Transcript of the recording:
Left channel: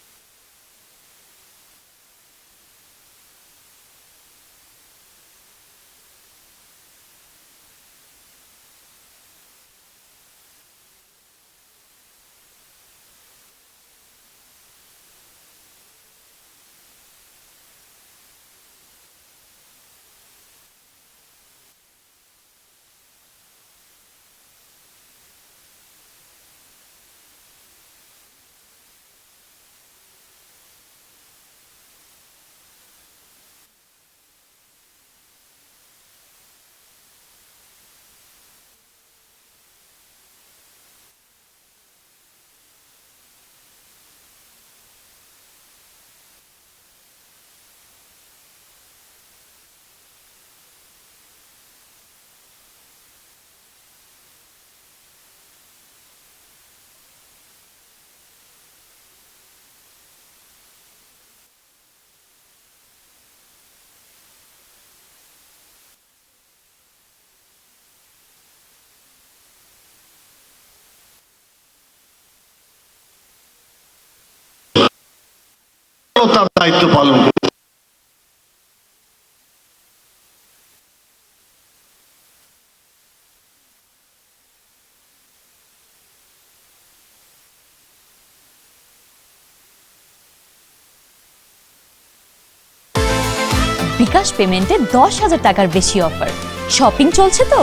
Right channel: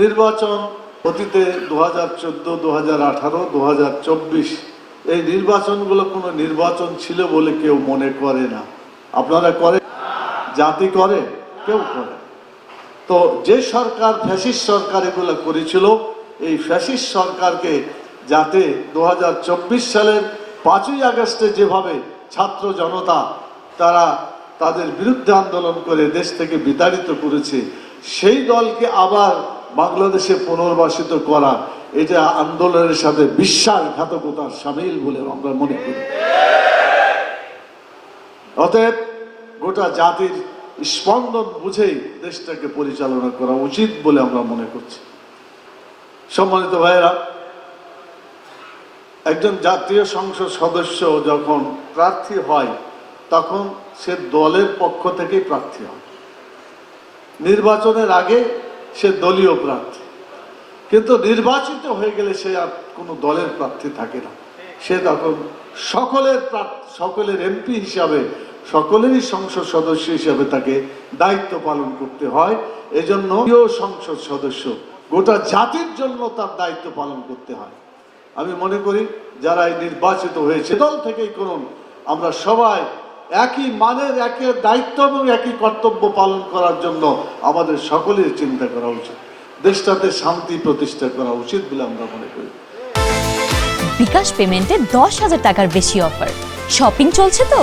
নির্বাচন অতীতে 2014, 2018, 2024 এই নির্বাচনগুলো কোনো নির্বাচন ছিল বলে কেউ মনে করে না। আপনারা করে? জাতি করে? কেউ করে? তো যে সরকার ফ্যাসিস্ট সরকার এগুলো করেছিল, এই ফ্যাসিস্ট সরকারকে যাতে 2024 সালের 5ই আগস্টে যেভাবে ছাত্র জনতা তারা তাদের বিরুদ্ধে আন্দোলন করে দেশ থেকে বিতাড়িত করেছে, সেই দলকে আবার বাংলাদেশে পুনর্বাসিত করা এটা আন্দোলনের সাথে বিশ্বাসঘাতকতার সামিল বলে আমরা মনে করি। অতএব গোটা জাতির স্পন্দন বুঝেই দেশটাকে পরিচালনা করা উচিত বলে আমরা মনে করছি। সম্মানিত ভাইয়েরা, একজন জাতীয় সংসদ সদস্য যখন প্রার্থী হয় তখন সে দলের পক্ষ থেকেই প্রার্থী হয়। নির্বাচনের আগে সে দলীয় প্রার্থী, কিন্তু নির্বাচিত হয়ে গেলে সে আর কোনো দলের প্রার্থী থাকে না। সে তখন সকলের এমপি হিসাবে, সকলেরই সংসদ সদস্য হিসাবে তাকে দায়িত্ব পালন করতে হয়। এজন্য সংসদ সদস্য গোটা জাতির জন্য তার দায়িত্ব পালন করতে হয়। আমি মনে করি যারা এই নির্বাচিত হয়েছে দল থেকেই করুন, আমরা সবাই একই মানের, একই দায়িত্ব এবং একই কর্তব্য পালন করার জন্য আমাদের সকলের চিন্তা করা উচিত। দেশটাতে শান্তি প্রতিষ্ঠা করা উচিত বলে আমরা মনে করি। বিকাশ পেমেন্টে 10,000 টাকার বেশি অফার, শপিং চলছে তো